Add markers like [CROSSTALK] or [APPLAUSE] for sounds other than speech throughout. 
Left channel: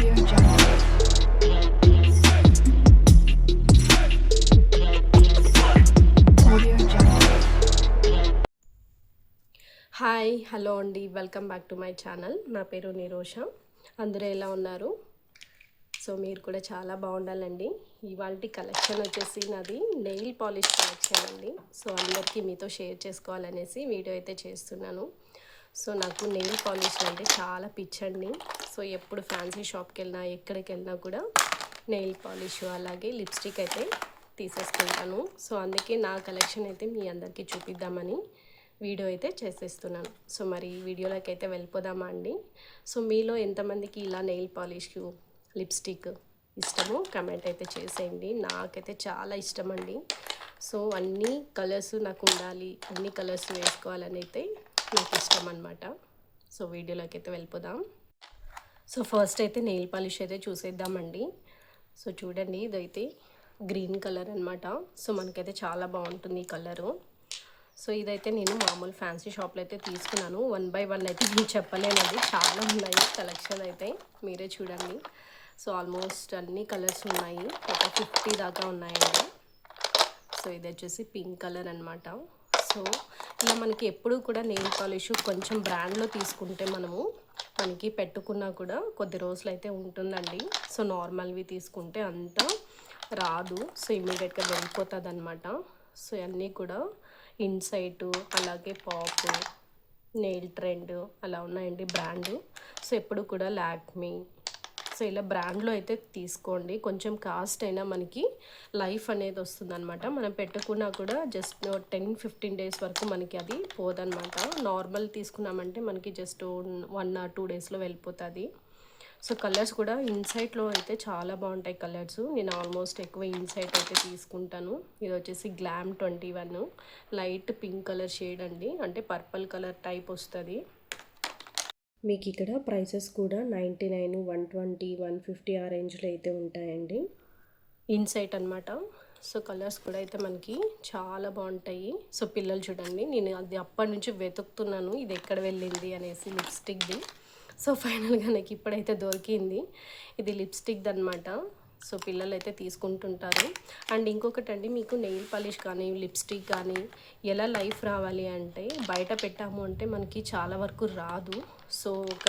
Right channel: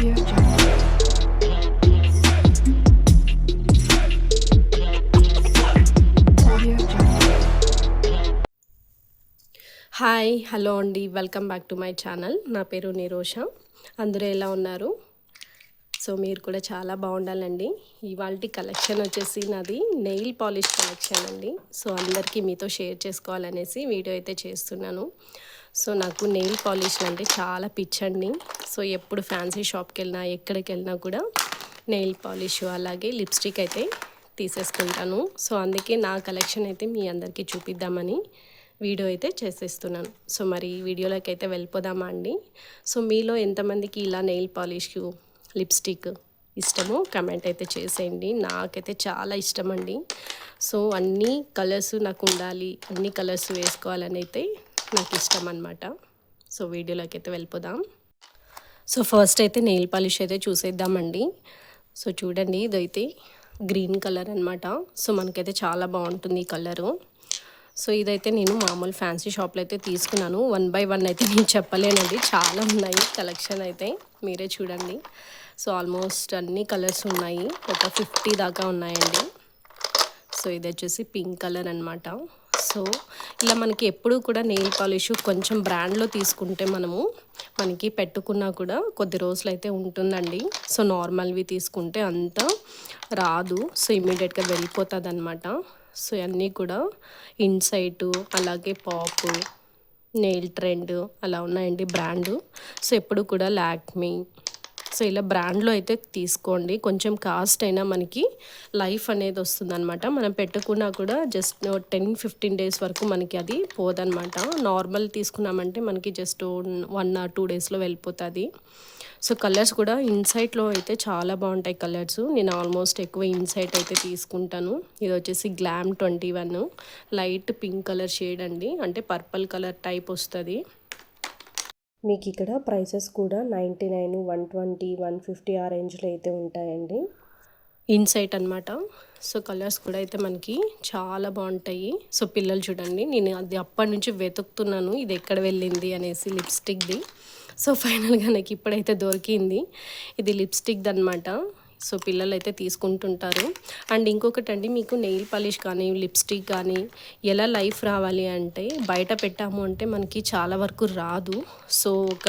Hi hello అండి. Welcome back to my channel నా పేరు నిరోష. అందరూ ఎలా ఉన్నారు? సో మీరు కూడా చాలా బాగుండాలండి. ఇవాళ కలెక్షన్ వచ్చేసి నాది నెయిల్ పాలిష్ కలెక్షన్ అండి. సో అందరికీ మీతో షేర్ చేసుకోవాలనేసి వీడియో అయితే చేస్తున్నాను. సో నాకు నెయిల్ పాలిష్ అంటే చాలా పిచ్చండి. సో ఎప్పుడు ఫ్యాన్సీ షాప్కి వెళ్ళినా ఎక్కడికి వెళ్ళినా కూడా నెయిల్ పాలిష్ అలాగే లిప్స్టిక్ అయితే తీసేసుకుంటాను. సో అందుకే నా కలెక్షన్ అయితే మీ అందరికీ చూపిద్దామని వీడియో అయితే చేసేస్తున్నాను. సో మరి వీడియోలోకి అయితే వెళ్ళిపోదామా అండి? సో మీలో ఎంతమందికి ఇలా నెయిల్ పాలిష్ లిప్స్టిక్ ఇష్టమో కమెంట్ అయితే చేసేయండి. నాకైతే చాలా ఇష్టం అండి సో అన్ని కలర్స్ నాకు ఉండాలి అన్ని కలర్స్ వేసుకోవాలని అయితే నాకు ఇష్టం అనమాట సో వీడియోలోకి అయితే వెళ్ళిపోదాం. సో ఫస్ట్ అయితే నెయిల్ పాలిష్ అయితే చూసేద్దామండి. సో చూడండి ఇదైతే గ్రీన్ కలర్ అనమాట సో మనకైతే చాలా బాగుంటుంది ఈ కలరు. సో ఇదైతే నేను మామూలు ఫ్యాన్సీ షాప్లో అయితే తీసుకున్నాను. వన్ బై వన్ అయితే నేను చెప్పలేనండి. చాలా ఉన్నాయి కలెక్షన్ అయితే. మీరే చూడండి. సో ఆల్మోస్ట్ అన్ని కలర్స్ ఉన్నాయి. ఒక ఫిఫ్టీ దాకా ఉన్నాయండి. సో ఇది వచ్చేసి పింక్ కలర్ అనమాట సో ఇలా మనకి ఎప్పుడు కూడా నెయిల్ పాలిష్ కొంచెం బ్రాండ్లో తీసుకుంటే మనము మనకి పెట్టుకున్నా కూడా కొద్ది రోజులు అయితే ఉంటుందండి. సో నార్మల్వి తీసుకుంటే అంత రాదు. సో ఇమీడియట్గా వెళ్ళిపోతుంది అనమాట సో అన్నీ కూడా ఇన్సైటు అలాగే పాపు నెయిల్ ట్రెండ్ అలా ఉన్నాయండి బ్రాండు. సో ఎప్పుడు కూడా లాక్మీ సో ఇలా బ్రాండ్లో అయితే తీసుకోండి. కొంచెం కాస్ట్ అయినా మనకి లైఫ్ అనేది వస్తుందన్నమాట. మనం పెట్టుకున్నా కూడా జస్ట్ టెన్ ఫిఫ్టీన్ డేస్ వరకు మనకి అది పోదనమాట నార్మల్ తీసుకున్నామంటే మనకి జస్ట్ వన్ ఆర్ టూ డేస్లో వెళ్ళిపోతుంది. సో కలర్స్ కూడా ఇన్సైట్లో అయితే చాలా బాగుంటాయి కలర్స్. నేను ఆల్మోస్ట్ ఎక్కువ ఇన్సైట్ అయితే తీసుకుంటాను. ఇది వచ్చేసి glam twenty one. Light pink colour shade అండి. అంటే పర్పుల్ కలర్ టైప్ వస్తుంది. మీకు ఇక్కడ ప్రైసెస్ కూడా ninety nine one twenty one fifty ఆ రేంజ్లో అయితే ఉంటాయండి. ఇన్సైట్ అనమాట సో కలర్స్ కూడా అయితే మనకి చాలా బాగుంటాయి. సో పిల్లలు చూడండి నేను అది అప్పటి నుంచి వెతుకుతున్నాను. ఇది ఎక్కడ వెళ్ళింది అనేసి లిప్స్టిక్ది. సో ఫైనల్గా నాకు ఇప్పుడైతే దొరికింది. ఇది లిప్స్టిక్ది అనమాట సో పిల్లలు అయితే తీసుకుంటుంటారు. అండ్ ఇంకొకటి అండి మీకు నెయిల్ పాలిష్ కానీ లిప్స్టిక్ కానీ ఎలా లైఫ్ రావాలి అంటే బయట పెట్టాము అంటే మనకి చాలా వరకు రాదు. సో ఒక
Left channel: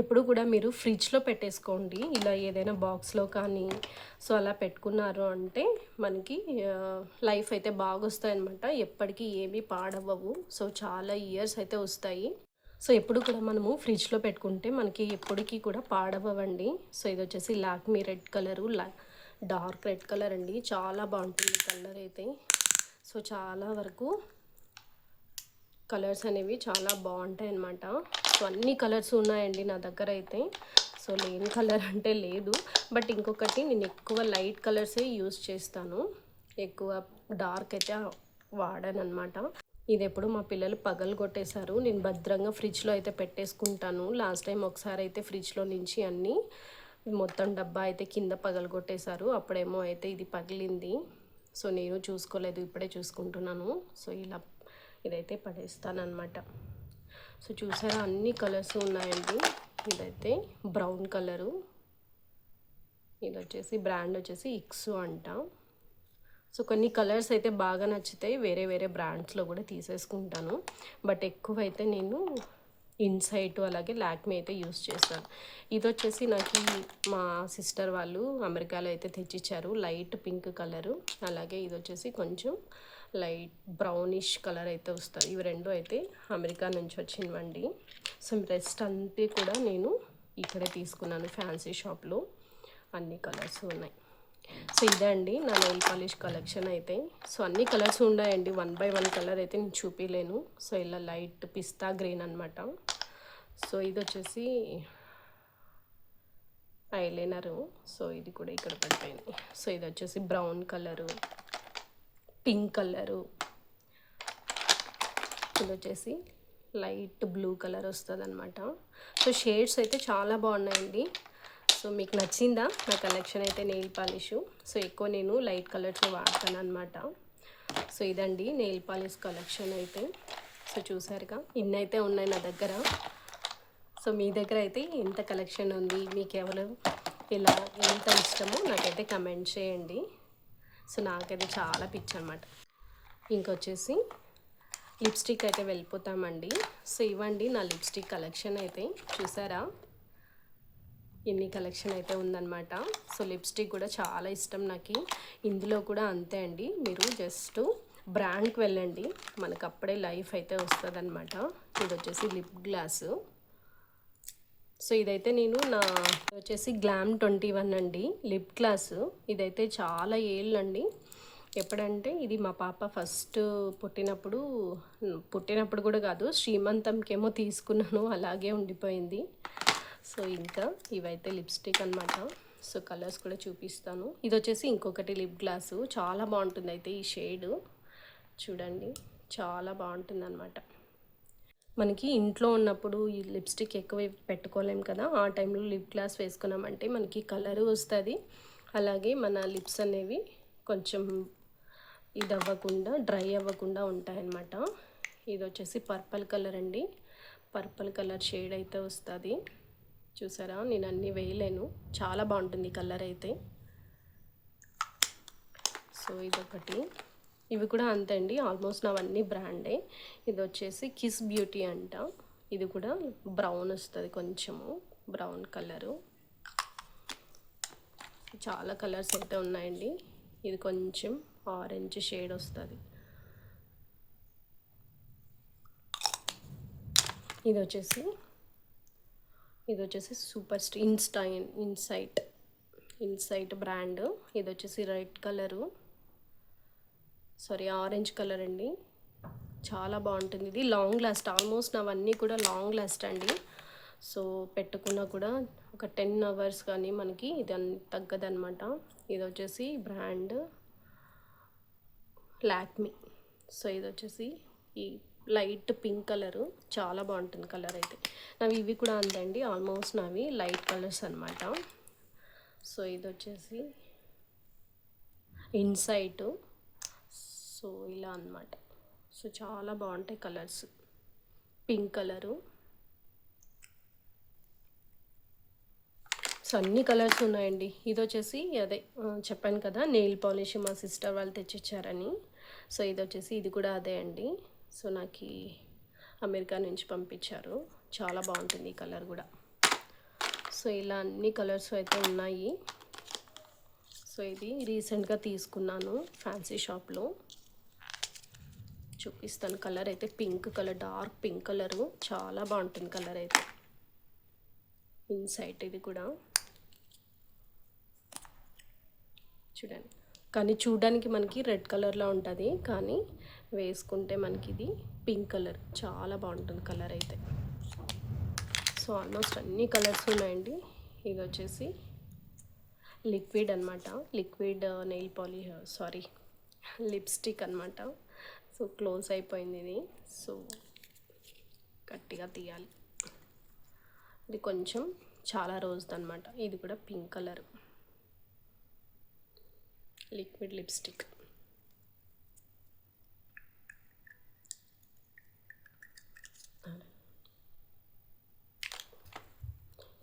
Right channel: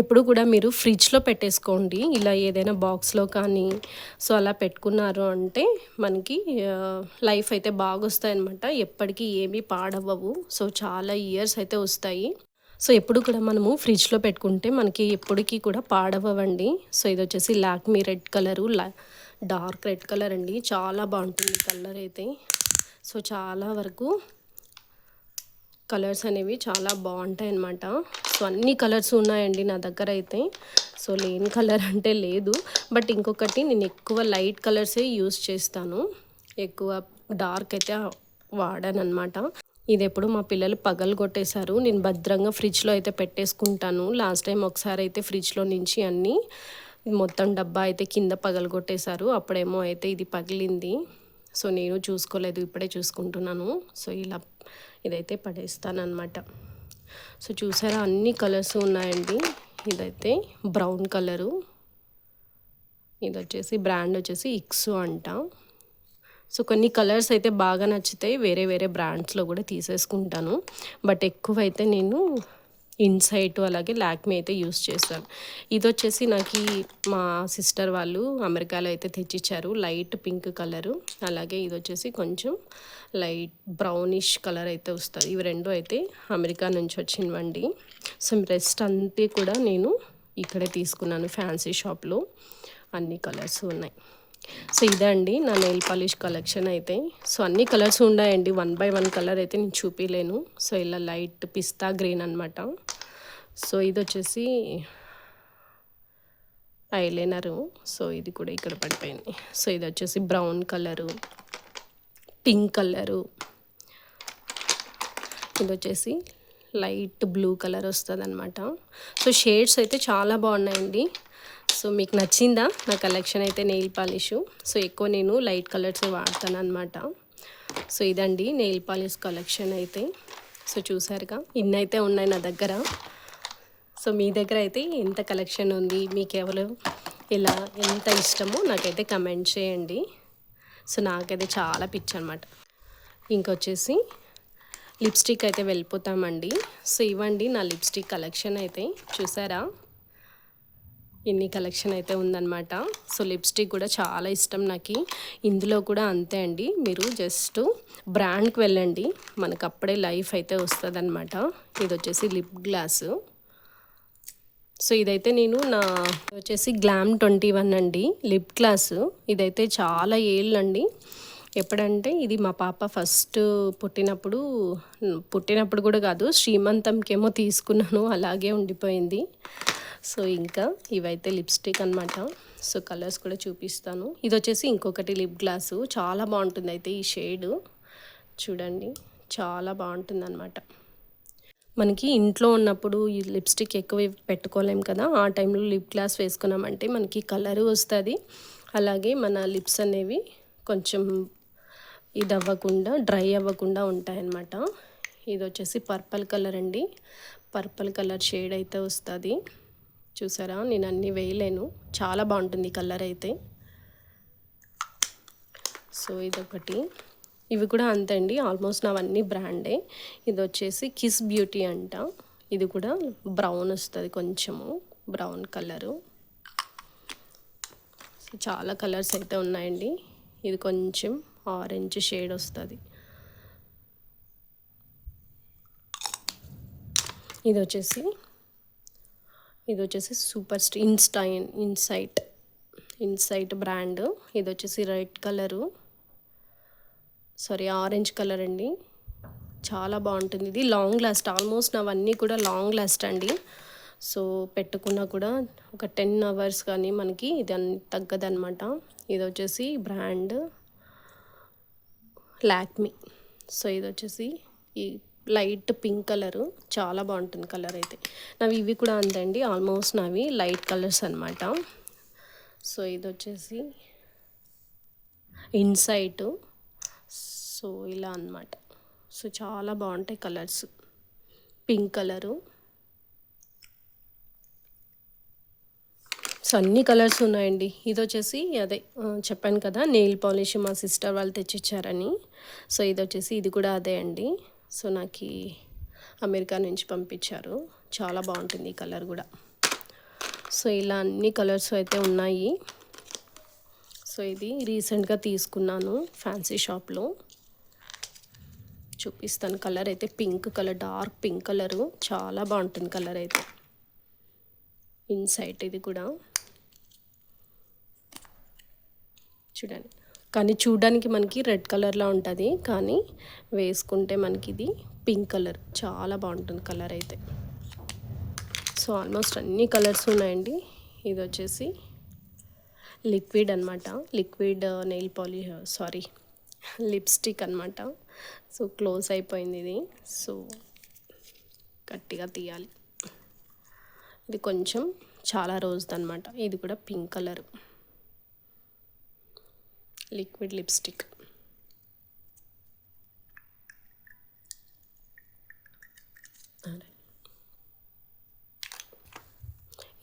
ఎప్పుడు కూడా మీరు ఫ్రిడ్జ్లో పెట్టేసుకోండి. ఇలా ఏదైనా బాక్స్లో కానీ సో అలా పెట్టుకున్నారు అంటే మనకి లైఫ్ అయితే బాగా వస్తాయి అనమాట ఎప్పటికీ ఏమీ పాడవ్వవు. సో చాలా ఇయర్స్ అయితే వస్తాయి. సో ఎప్పుడు కూడా మనము ఫ్రిడ్జ్లో పెట్టుకుంటే మనకి ఎప్పటికీ కూడా పాడవ్వండి. సో ఇది వచ్చేసి లాక్మీ రెడ్ కలరు లా డార్క్ రెడ్ కలర్ అండి. చాలా బాగుంటుంది కలర్ అయితే. సో చాలా వరకు కలర్స్ అనేవి చాలా బాగుంటాయి అన్నమాట. సో అన్ని కలర్స్ ఉన్నాయండి నా దగ్గర అయితే. సో లేని కలర్ అంటే లేదు. బట్ ఇంకొకటి నేను ఎక్కువ లైట్ కలర్సే యూస్ చేస్తాను. ఎక్కువ డార్క్ అయితే వాడాను అనమాట ఇది ఎప్పుడు మా పిల్లలు పగలు కొట్టేశారు. నేను భద్రంగా ఫ్రిడ్జ్లో అయితే పెట్టేసుకుంటాను. లాస్ట్ టైం ఒకసారి అయితే ఫ్రిడ్జ్లో నుంచి అన్నీ మొత్తం డబ్బా అయితే కింద పగలు కొట్టేశారు. అప్పుడేమో అయితే ఇది పగిలింది. సో నేను చూసుకోలేదు. ఇప్పుడే చూసుకుంటున్నాను. సో ఇలా ఇదైతే పడేస్తానమాట సో చూసారా? అన్ని కలర్స్ ఉన్నాయండి. ఇదైతే బ్రౌన్ కలరు. ఇది వచ్చేసి బ్రాండ్ వచ్చేసి ఇక్సు అంట. సో కొన్ని కలర్స్ అయితే బాగా నచ్చుతాయి. వేరే వేరే బ్రాండ్స్లో కూడా తీసేసుకుంటాను. బట్ ఎక్కువైతే నేను ఇన్సైట్ అలాగే లాక్మీ అయితే యూస్ చేస్తాను. ఇది వచ్చేసి నాకు మా సిస్టర్ వాళ్ళు అమెరికాలో అయితే తెచ్చిచ్చారు. Light pink colour. అలాగే ఇది వచ్చేసి కొంచెం లైట్ బ్రౌనిష్ కలర్ అయితే వస్తుంది. ఇవి రెండు అయితే అమెరికా నుంచి వచ్చినవండి. సో రెస్ట్ అంతే కూడా నేను ఇక్కడే తీసుకున్నాను ఫ్యాన్సీ షాప్లో. అన్ని కలర్స్ ఉన్నాయి. సో ఇదే అండి నా నెయిల్ పాలిష్ కలెక్షన్ అయితే. సో అన్ని కలర్స్ ఉన్నాయండి. వన్ బై వన్ కలర్ అయితే నేను చూపించలేను సో ఇలా లైట్ పిస్తా గ్రీన్ అనమాట సో ఇది వచ్చేసి ఐలైనరు. సో ఇది కూడా ఇక్కడ పడిపోయింది. సో ఇది వచ్చేసి బ్రౌన్ కలరు పింక్ కలరు. ఇది వచ్చేసి లైట్ బ్లూ కలర్ వస్తుంది అనమాట సో షేడ్స్ అయితే చాలా బాగున్నాయండి. సో మీకు నచ్చిందా? నా కలెక్షన్ అయితే నెయిల్ పాలిష్. సో ఎక్కువ నేను లైట్ కలర్స్ వాడతాను అనమాట సో ఇదండి నెయిల్ పాలిష్ కలెక్షన్ అయితే. సో చూసారుగా ఇన్ని అయితే ఉన్నాయి నా దగ్గర. సో మీ దగ్గర అయితే ఎంత కలెక్షన్ ఉంది? మీకు ఎవరు ఇలా ఎంత ఇష్టమో నాకైతే కమెంట్ చేయండి. సో నాకైతే చాలా పిచ్చి అనమాట ఇంకొచ్చేసి లిప్స్టిక్ అయితే వెళ్ళిపోతామండి. సో ఇవ్వండి నా లిప్స్టిక్ కలెక్షన్ అయితే. చూసారా? ఇన్ని కలెక్షన్ అయితే ఉందన్నమాట. సో లిప్స్టిక్ కూడా చాలా ఇష్టం నాకు. ఇందులో కూడా అంతే అండి. మీరు జస్ట్ బ్రాండ్కి వెళ్ళండి. మనకు అప్పుడే లైఫ్ అయితే వస్తుందన్నమాట. ఇది వచ్చేసి లిప్ గ్లాసు. సో ఇదైతే నేను నా వచ్చేసి గ్లామ్ ట్వంటీ వన్ అండి. Lip gloss. ఇదైతే చాలా ఏళ్ళండి. ఎప్పుడంటే ఇది మా పాప ఫస్ట్ పుట్టినప్పుడు పుట్టినప్పుడు కూడా కాదు శ్రీమంతంకేమో తీసుకున్నాను. అలాగే ఉండిపోయింది. సో ఇంకా ఇవైతే లిప్స్టిక్ అనమాట సో కలర్స్ కూడా చూపిస్తాను. ఇది వచ్చేసి ఇంకొకటి లిప్ గ్లాసు. చాలా బాగుంటుంది అయితే ఈ షేడ్. చూడండి చాలా బాగుంటుంది అనమాట మనకి ఇంట్లో ఉన్నప్పుడు ఈ లిప్స్టిక్ ఎక్కువ పెట్టుకోలేం కదా. ఆ టైంలో లిప్ గ్లాస్ వేసుకున్నామంటే మనకి కలర్ వస్తుంది. అలాగే మన లిప్స్ అనేవి కొంచెం ఇది అవ్వకుండా డ్రై అవ్వకుండా ఉంటాయన్నమాట. ఇది వచ్చేసి పర్పల్ కలర్ అండి. పర్పల్ కలర్ షేడ్ అయితే వస్తుంది. చూసారా? నేను అన్నీ వేయలేను. చాలా బాగుంటుంది కలర్ అయితే. సో ఇదొకటి. ఇవి కూడా అంతే అండి. ఆల్మోస్ట్ నావన్నీ బ్రాండే. ఇది వచ్చేసి కిస్ బ్యూటీ అంట. ఇది కూడా బ్రౌన్ వస్తుంది కొంచెము. Brown colour. సో చాలా కలర్స్ అయితే ఉన్నాయండి. ఇది కొంచెం ఆరెంజ్ షేడ్ వస్తుంది. ఇది వచ్చేసి ఇది వచ్చేసి సూపర్ స్టీ ఇన్స్టైన్ ఇన్సైట్ ఇన్సైట్ బ్రాండ్. ఇది వచ్చేసి red colour. Sorry orange colour అండి. చాలా బాగుంటుంది. ఇది లాంగ్ లాస్ట్ ఆల్మోస్ట్ అవన్నీ కూడా లాంగ్ లాస్ట్ అండి. సో పెట్టుకున్నా కూడా ఒక టెన్ అవర్స్ కానీ మనకి ఇది అన్ని తగ్గదనమాట ఇది వచ్చేసి బ్రాండ్ లాక్మీ. సో ఇది వచ్చేసి ఈ లైట్ పింక్ కలరు. చాలా బాగుంటుంది కలర్ అయితే. నావి ఇవి కూడా అందండి. ఆల్మోస్ట్ నావి లైట్ కలర్స్ అనమాట సో ఇది వచ్చేసి ఇన్సైట్. సో ఇలా అనమాట సో చాలా బాగుంటాయి కలర్స్. Pink colour. సో అన్ని కలర్స్ ఉన్నాయండి. ఇది వచ్చేసి అదే చెప్పాను కదా నెయిల్ పాలిష్ మా సిస్టర్ వాళ్ళు తెచ్చిచ్చారని. సో ఇది వచ్చేసి ఇది కూడా అదే అండి. సో నాకు అమెరికా నుంచి పంపించారు. చాలా బాగుంటుంది ఈ కలర్ కూడా. సో ఇలా అన్ని కలర్స్ అయితే ఉన్నాయి. సో ఇది రీసెంట్గా తీసుకున్నాను ఫ్యాన్సీ షాప్లో. చూపిస్తాను కలర్ అయితే pink colour dark pink colour. చాలా బాగుంటుంది కలర్ అయితే. ఇన్సైట్ ఇది కూడా. చూడండి. కానీ చూడడానికి మనకి రెడ్ కలర్లో ఉంటుంది. కానీ వేసుకుంటే మనకి ఇది పింక్ కలర్. చాలా బాగుంటుంది కలర్ అయితే. సో ఆల్మోస్ట్ అన్ని కలర్స్ ఉన్నాయండి. ఇది వచ్చేసి లిక్విడ్ అనమాట liquid nail polish sorry lipstick అనమాట సో క్లోజ్ అయిపోయింది ఇది. సో గట్టిగా తీయాలి. ఇది కొంచెం చాలా రోజుది అనమాట ఇది కూడా పింక్ కలర్. Liquid lipstick.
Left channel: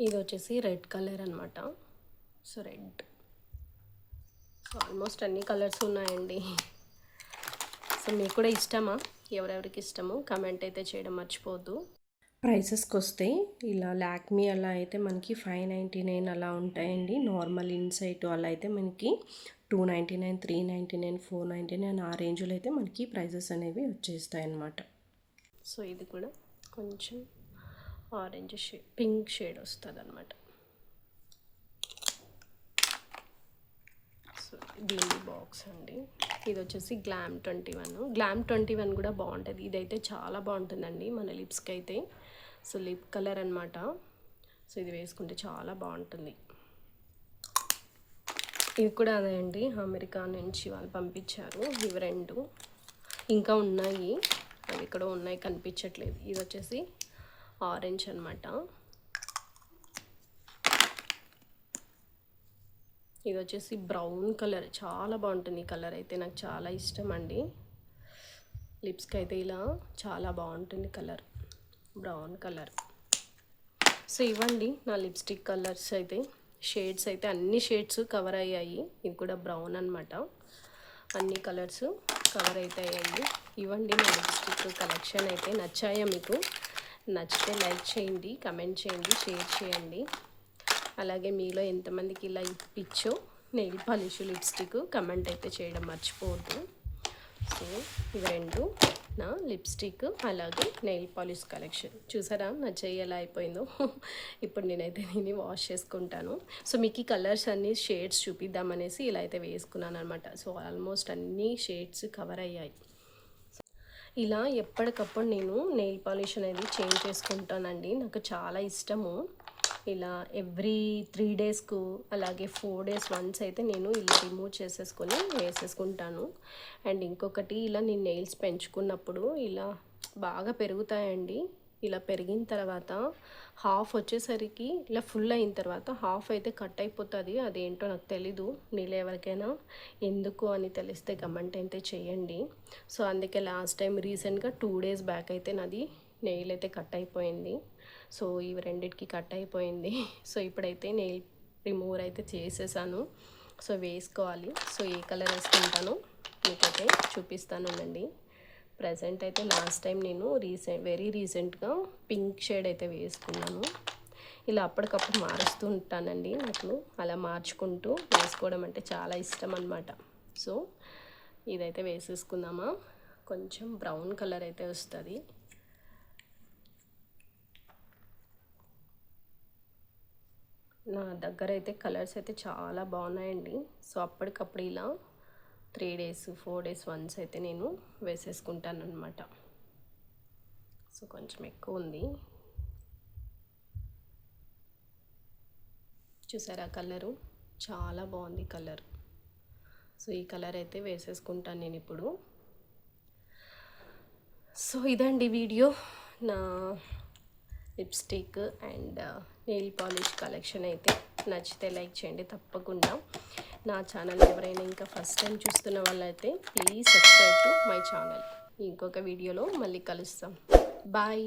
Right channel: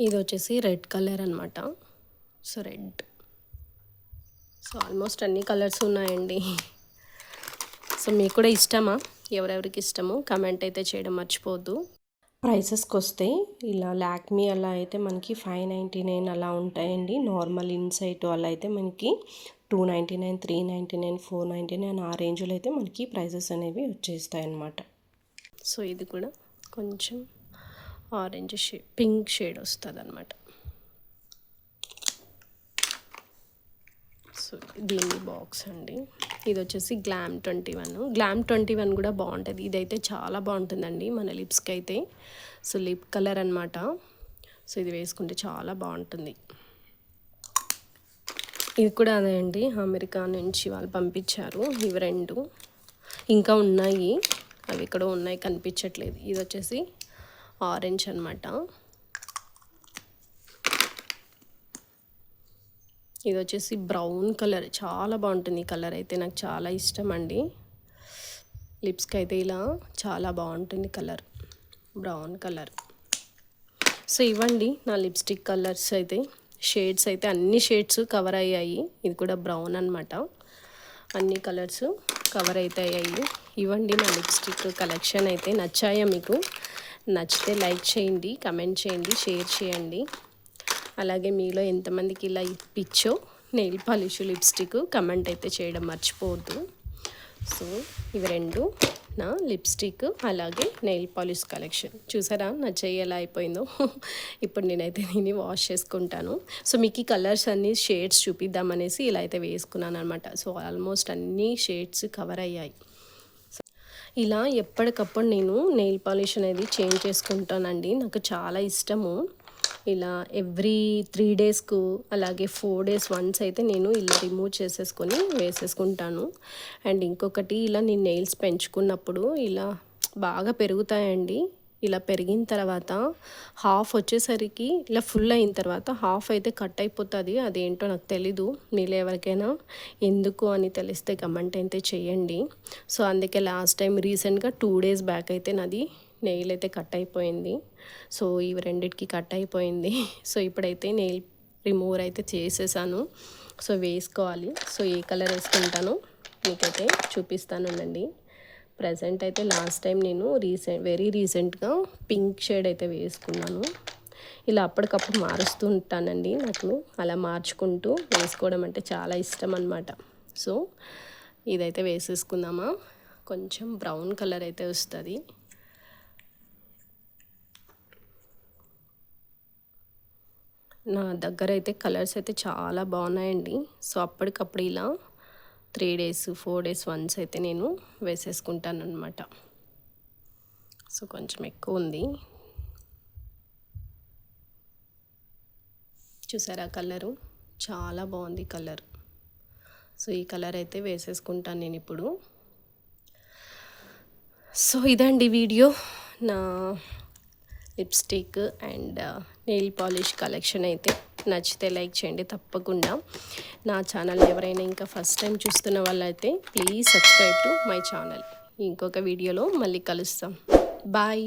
ఇది వచ్చేసి రెడ్ కలర్ అనమాట సో రెడ్. సో ఆల్మోస్ట్ అన్ని కలర్స్ ఉన్నాయండి. సో మీకు కూడా ఇష్టమా? ఎవరెవరికి ఇష్టమో కమెంట్ అయితే చేయడం మర్చిపోద్దు ప్రైసెస్కి వస్తే ఇలా లాక్మీ అలా అయితే మనకి ఫైవ్ నైంటీ నైన్ అలా ఉంటాయండి. నార్మల్ ఇన్సైట్ అలా అయితే మనకి two ninety nine three ninety nine four ninety nine ఆ రేంజ్లో అయితే మనకి ప్రైజెస్ అనేవి వచ్చేస్తాయి అన్నమాట సో ఇది కూడా కొంచెం ఆరెంజ్ షేడ్ పింక్ షేడ్ వస్తుంది అనమాట సో దీని బాక్స్ అండి. ఇది వచ్చేసి glam twenty one. Glam twenty one కూడా బాగుంటుంది. ఇదైతే చాలా బాగుంటుందండి మన లిప్స్కి అయితే సో లిప్ కలర్ అనమాట సో ఇది వేసుకుంటే చాలా బాగుంటుంది. ఇది కూడా అదే అండి. అమెరికా నుంచి వాళ్ళు పంపించారు. ఇవి రెండు ఇంకా ఉన్నాయి. అవి ఇక్కడ ఉన్నాయి కనిపించట్లేదు. ఇది వచ్చేసి ఆరెంజ్ అనమాట ఇది వచ్చేసి బ్రౌన్ కలర్. చాలా బాగుంటుంది ఈ కలర్ అయితే. నాకు చాలా ఇష్టం అండి. లిప్స్కి అయితే ఇలా చాలా బాగుంటుంది కలర్. Brown colour. సో ఇవ్వండి నా లిప్స్టిక్ కలర్స్ అయితే. షేడ్స్ అయితే అన్ని షేడ్స్ కవర్ అయ్యాయి. ఇది కూడా బ్రౌన్ అనమాట అన్ని కలర్స్ కవర్ అయితే అయ్యాయి. ఇవ్వండి నా లిప్స్టిక్ కలెక్షన్ అయితే నచ్చాయా మీకు? నచ్చితే లైక్ చేయండి కమెంట్ చేయండి షేర్ చేయండి. అలాగే మీలో ఎంతమందికి ఇలా ఇప్పించో నెయిల్ పాలిష్ లిప్స్టిక్ కమెంట్ అయితే చేయడం మర్చిపోవద్దు. సో ఇవి రెండు. నా లిప్స్టిక్ అలాగే నెయిల్ పాలిష్ కలెక్షన్. చూసారా? నా చెయ్యి ఎలా అయిపోయిందో. ఇప్పుడు నేనైతే దీన్ని వాష్ చేసుకుంటాను. సో మీకు ఈ కలర్స్ అన్ని షేడ్స్ చూపిద్దామనేసి ఇలా అయితే వేసుకున్నాను అనమాట సో ఆల్మోస్ట్ అన్ని షేడ్స్ కవర్ అయ్యాయి. ఇలా ఎప్పటికప్పుడు నేను నెయిల్ పాలిష్ అనేది చేంజ్ చేసుకుంటానండి. నాకు చాలా ఇష్టము. ఇలా ఎవ్రీ త్రీ డేస్కు అలాగే ఫోర్ డేస్ వన్స్ అయితే నేను ఇలా రిమూవ్ చేసేసుకొని వేసేసుకుంటాను. అండ్ ఇంకొకటి ఇలా నేను నెయిల్స్ పెంచుకున్నప్పుడు ఇలా బాగా పెరుగుతాయండి. ఇలా పెరిగిన తర్వాత హాఫ్ వచ్చేసరికి ఇలా ఫుల్ అయిన తర్వాత హాఫ్ అయితే కట్ అయిపోతుంది. అదేంటో నాకు తెలీదు. మీలో ఎవరికైనా ఎందుకు అని తెలిస్తే కమెంట్ అయితే చేయండి. సో అందుకే లాస్ట్ టైం రీసెంట్గా టూ డేస్ బ్యాక్ అయితే నాది నెయిల్ అయితే కట్ అయిపోయింది. సో ఇవి రెండిటికి కట్ అయిపోయింది. [LAUGHS] సో ఇప్పుడైతే నెయిల్ రిమూవర్ అయితే చేసేసాను. సో వేసుకోవాలి. సో ఏ కలర్ వేసుకుంటానో మీకైతే చూపిస్తానండి. ప్రజెంట్ అయితే లాస్ట్ టైం నేను రీసెంట్ వెరీ రీసెంట్గా పింక్ షేడ్ అయితే వేసుకున్నాను. ఇలా అప్పటికప్పుడు మారుస్తూ ఉంటానండి నాకు. అలా మార్చుకుంటూ వేసుకోవడం అంటే చాలా ఇష్టం అనమాట సో ఇదైతే వేసేసుకుందామా? కొంచెం బ్రౌన్ కలర్ అయితే వస్తుంది. నా దగ్గర అయితే కలర్స్ అయితే చాలా బాగున్నాయండి. సో అప్పటికప్పుడు ఇలా three days four days once అయితే నేను వేసేసుకుంటాను అనమాట సో కొంచెం ఎక్కువ ఉంది. చూసారా కలరు? చాలా బాగుంది కలర్. సో ఈ కలర్ అయితే వేసేసుకుంటాను నేను ఇప్పుడు. సో ఇదండి వీడియో. నా lipstick and nail polish collection అయితే నచ్చితే లైక్ చేయండి. తప్పకుండా నా ఛానల్ ఎవరైనా ఇంకా ఫస్ట్ టైం చూస్తున్న వాళ్ళైతే please subscribe to my channel. ఇంకొక వీడియోలో మళ్ళీ కలుస్తాం. బాయ్.